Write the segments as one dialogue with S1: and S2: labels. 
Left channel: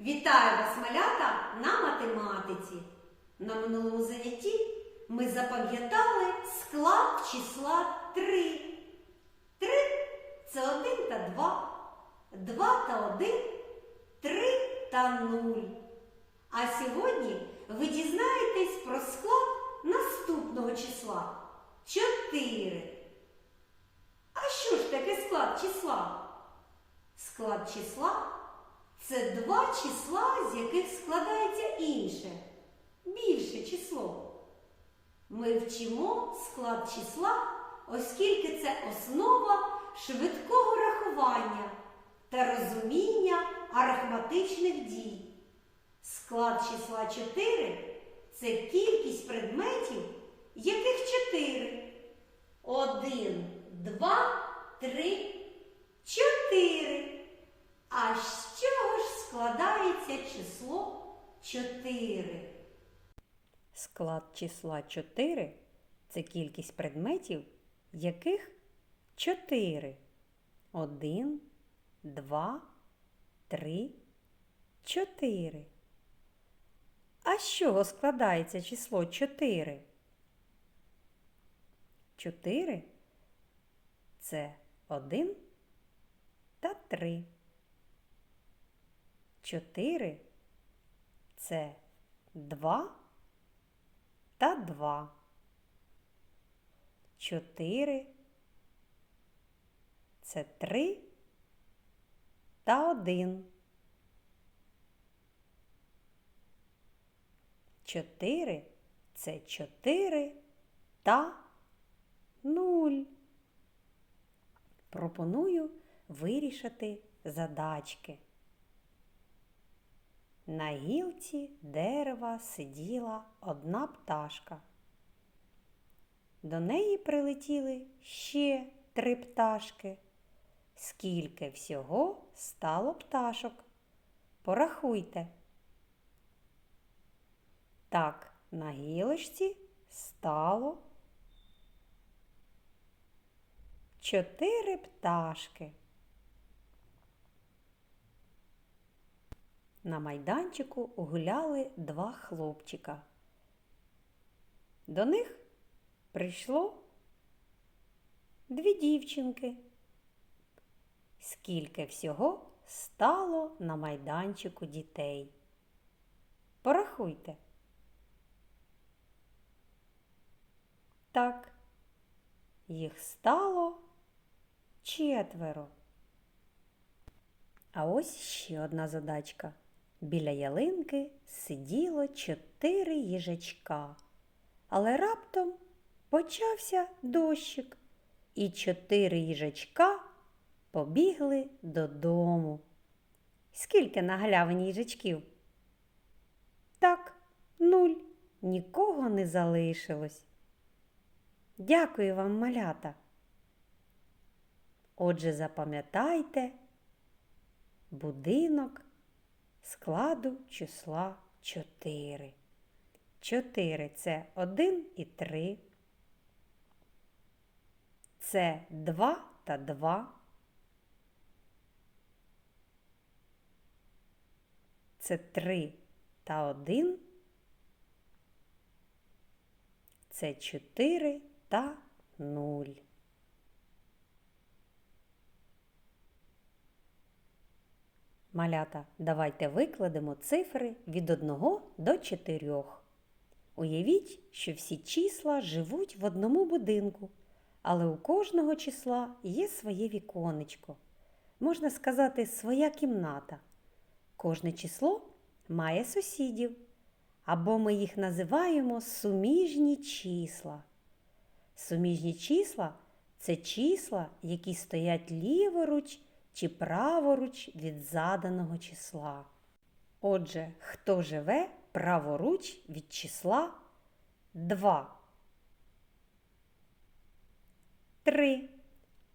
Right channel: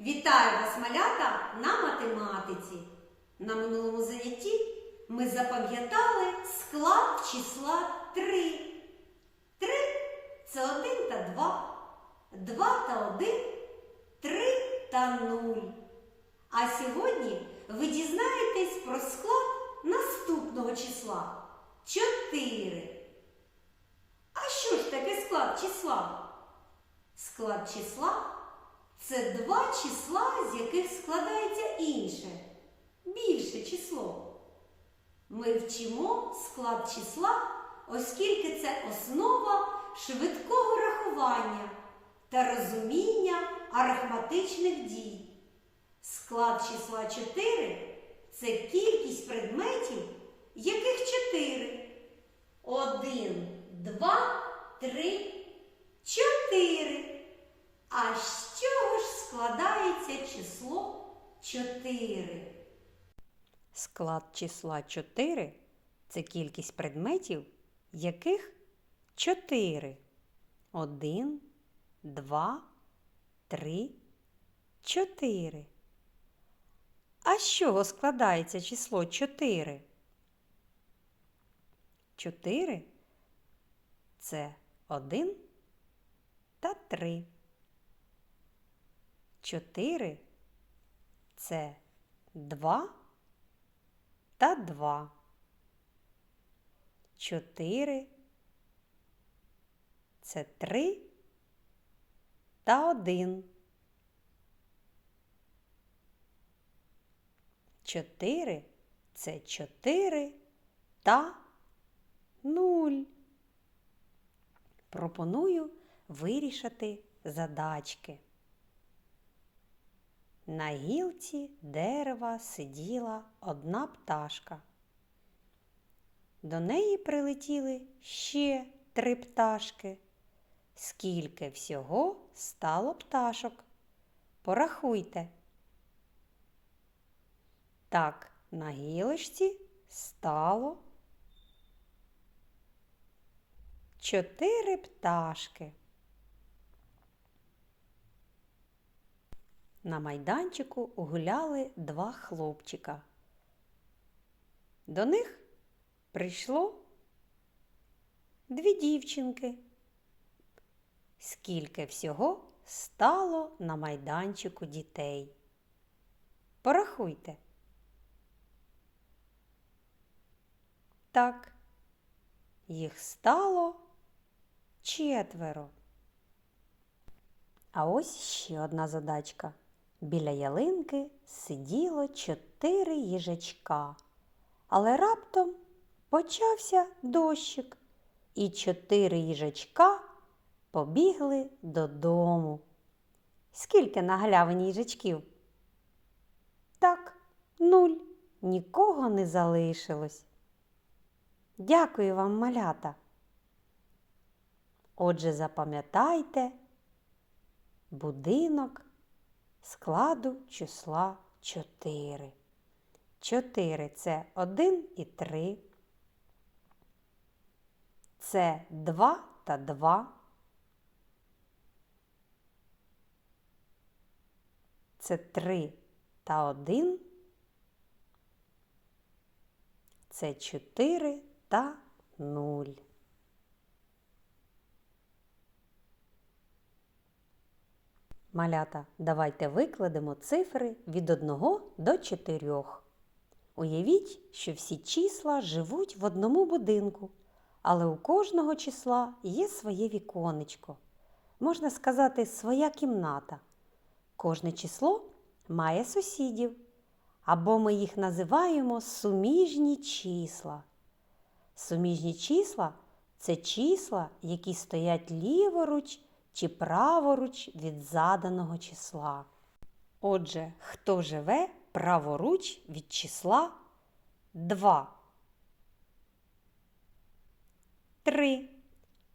S1: Вітаю вас, малята, на математиці. На минулому занятті ми запам'ятали склад числа 3. 3 – це 1 та 2, 2 та 1, 3 та 0. А сьогодні ви дізнаєтесь про склад наступного числа 4. А що ж таке склад числа? Склад числа це два числа, з яких складається інше, більше число. Ми вчимо склад числа, оскільки це основа швидкого рахування та розуміння арифметичних дій. Склад числа 4 це кількість предметів, яких 4. 1, 2, 3, 4. А ж складається число 4?
S2: Склад числа 4 це кількість предметів, яких 4. 1, 2, 3, 4. А з чого складається число 4? 4 це 1 та 3. 4 це 2 та 2. 4 це 3 та 1. 4 це 4 та 0. Пропоную вирішити задачки. На гілці дерева сиділа одна пташка. До неї прилетіли ще три пташки. Скільки всього стало пташок? Порахуйте. Так, на гілочці стало чотири пташки. На майданчику гуляли два хлопчика. До них прийшло дві дівчинки. Скільки всього стало на майданчику дітей? Порахуйте. Так, їх стало четверо. А ось ще одна задачка. Біля ялинки сиділо чотири їжачка, але раптом почався дощик, і чотири їжачка побігли додому. Скільки на галявині їжачків? Так, нуль. Нікого не залишилось. Дякую вам, малята. Отже, запам'ятайте будинок складу числа 4. 4 це 1 і 3. Це 2 та 2. Це 3 та 1. Це 4 та 0. Малята, давайте викладемо цифри від 1 до 4. Уявіть, що всі числа живуть в одному будинку, але у кожного числа є своє віконечко. Можна сказати, своя кімната. Кожне число має сусідів, або ми їх називаємо суміжні числа. Суміжні числа це числа, які стоять ліворуч чи праворуч від заданого числа. Отже, хто живе праворуч від числа 2? 3.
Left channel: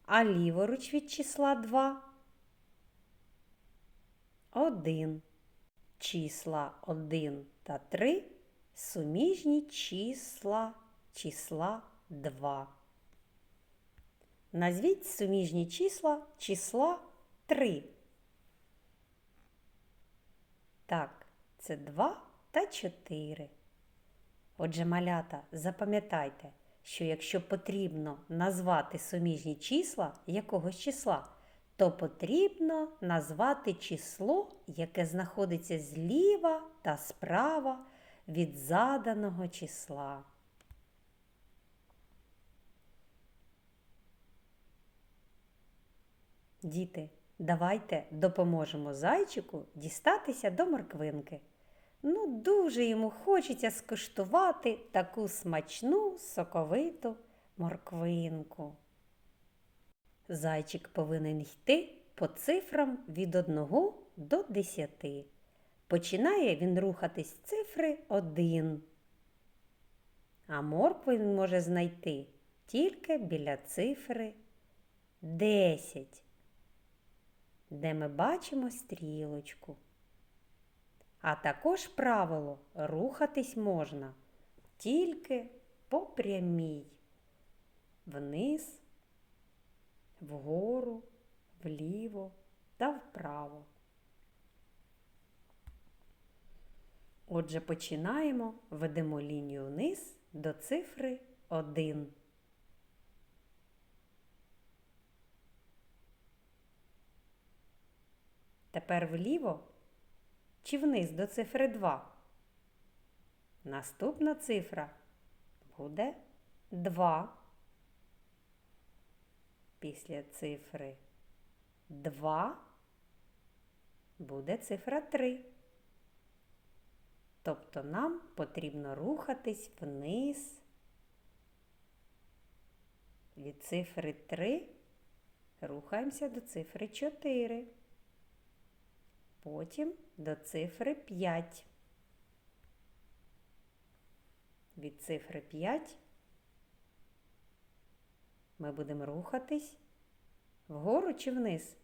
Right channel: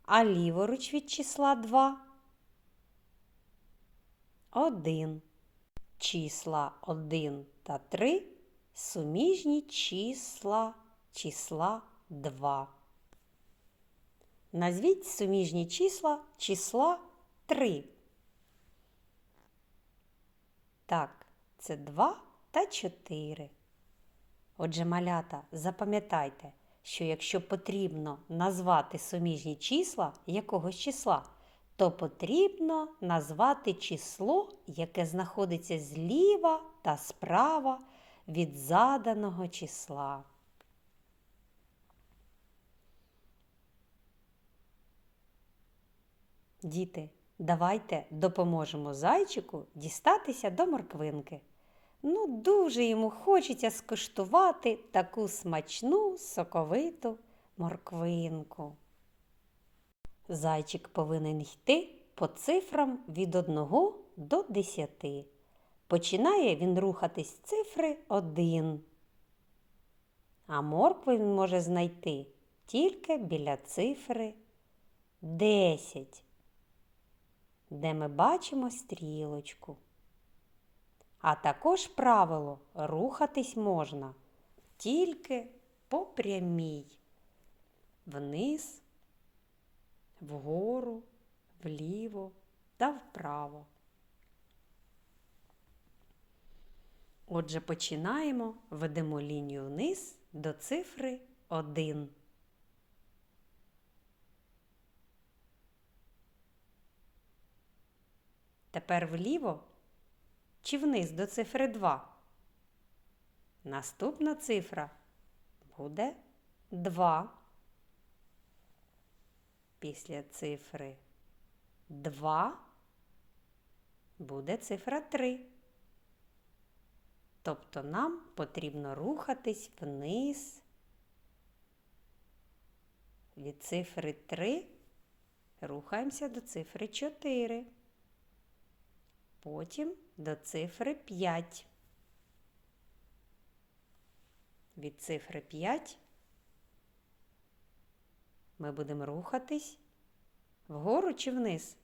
S2: А ліворуч від числа 2? 1. Числа 1 та 3 суміжні числа числа 2. Назвіть суміжні числа числа 3. Так, це 2 та 4. Отже, малята, запам'ятайте, що якщо потрібно назвати суміжні числа якогось числа, то потрібно назвати число, яке знаходиться зліва та справа від заданого числа. Діти, давайте допоможемо зайчику дістатися до морквинки. Ну, дуже йому хочеться скуштувати таку смачну, соковиту морквинку. Зайчик повинен йти по цифрам від 1 до 10. Починає він рухатись цифри 1. А моркву він може знайти тільки біля цифри 10, де ми бачимо стрілочку. А також правило рухатись можна тільки по прямій, вниз, вгору, вліво та вправо. Отже, починаємо, ведемо лінію вниз до цифри 1. Тепер вліво чи вниз до цифри 2? Наступна цифра буде 2. Після цифри 2 буде цифра 3. Тобто нам потрібно рухатись вниз від цифри 3 рухаємося до цифри 4 потім до цифри 5. Від цифри 5 ми будемо рухатись вгору чи вниз.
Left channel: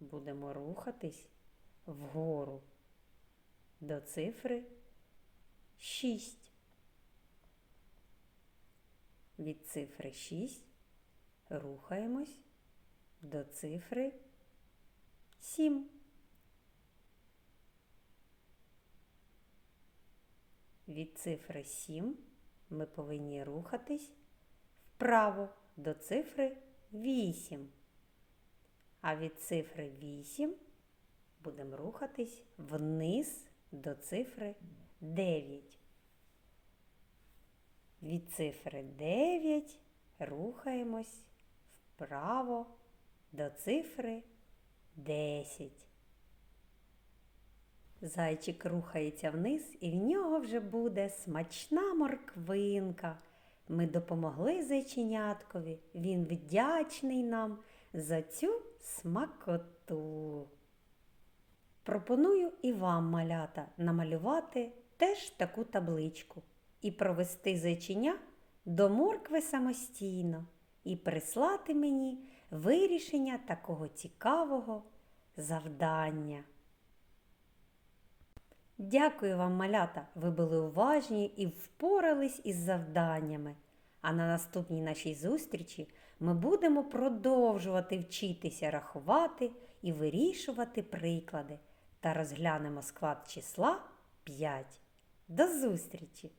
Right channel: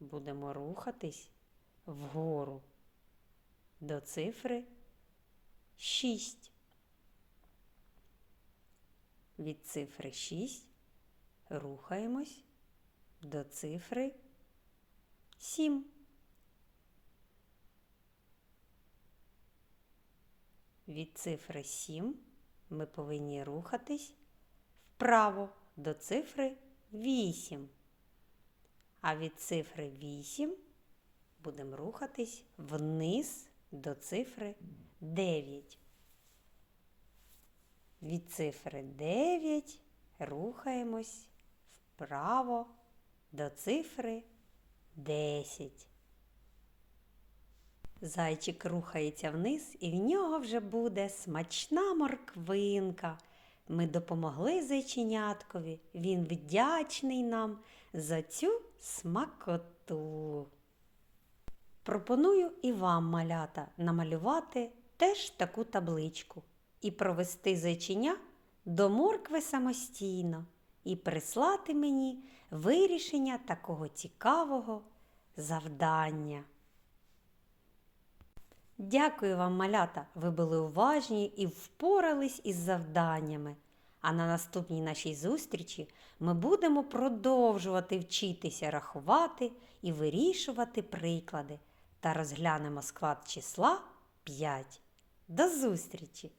S2: Будемо рухатись вгору до цифри 6. Від цифри 6 рухаємось до цифри 7. Від цифри 7 ми повинні рухатись вправо до цифри 8. А від цифри 8 будемо рухатись вниз до цифри 9. Від цифри 9 рухаємось вправо до цифри 10. Зайчик рухається вниз, і в нього вже буде смачна морквинка. Ми допомогли зайченяткові. Він вдячний нам за цю смакоту. Пропоную і вам, малята, намалювати теж таку табличку і провести зайченя до моркви самостійно і прислати мені вирішення такого цікавого завдання. Дякую вам, малята! Ви були уважні і впорались із завданнями. А на наступній нашій зустрічі ми будемо продовжувати вчитися рахувати і вирішувати приклади та розглянемо склад числа 5. До зустрічі!